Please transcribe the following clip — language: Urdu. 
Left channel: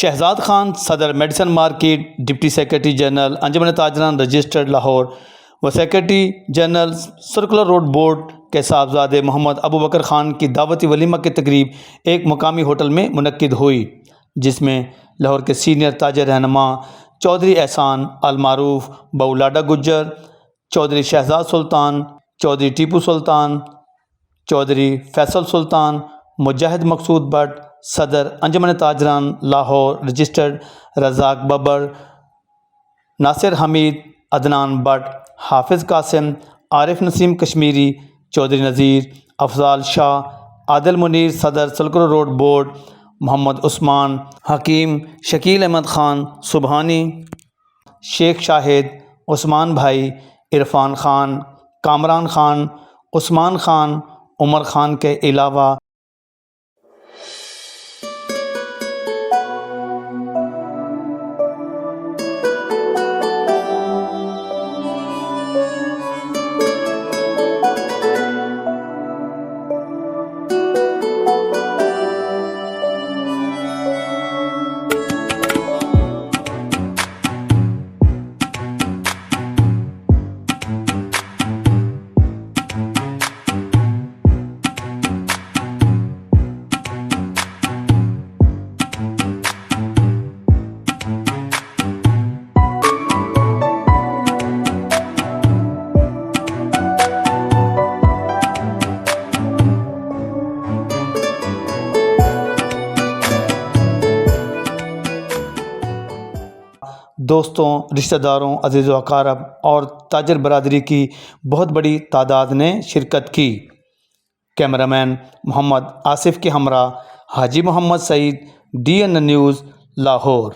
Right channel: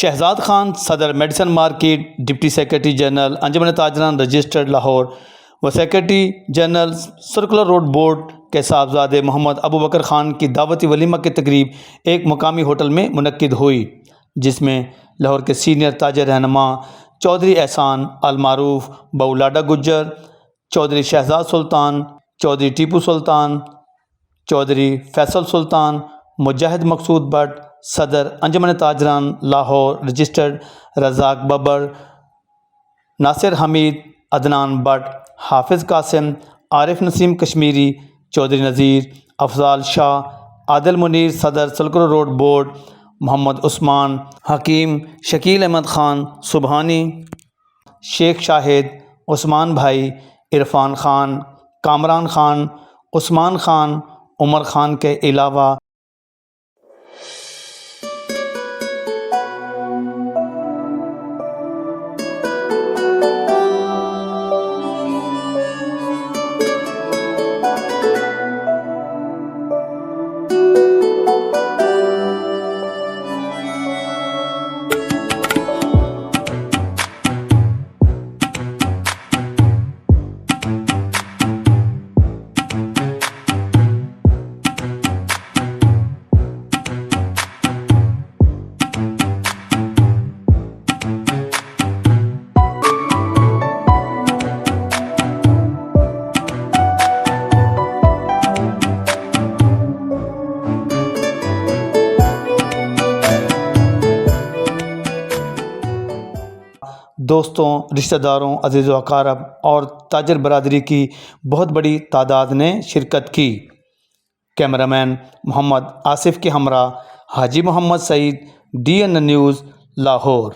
شہزاد خان صدر medicine market, deputy secretary general Anjuman Tajiran registered Lahore و secretary general circular road board کے صاحبزادے محمد ابوبکر خان کی دعوتی ولیمہ کی تقریب ایک مقامی ہوٹل میں منعقد ہوئی، جس میں لاہور کے سینئر تاجر رہنما چودھری احسان المعروف بولاڈا گجر، چودھری شہزاد سلطان، چودھری ٹیپو سلطان، چودھری فیصل سلطان، مجاہد مقصود بٹ، صدر انجمن تاجران لاہور رجسٹرڈ رزاق ببر، ناصر حمید، عدنان بٹ، حافظ قاسم، عارف نسیم کشمیری، چودھری نذیر، افضال شاہ، عادل منیر صدر circular road board, Muhammad Usman, حکیم، شکیل احمد خان سبحانی، شیخ شاہد، عثمان بھائی، عرفان خان، کامران خان، عثمان خان، عمر خان کے علاوہ دوستوں، رشتہ داروں، عزیز و اقارب اور تاجر برادری کی بہت بڑی تعداد نے شرکت کی۔ کیمرامین محمد آصف کے ہمراہ حاجی محمد سعید، DN نیوز، لاہور۔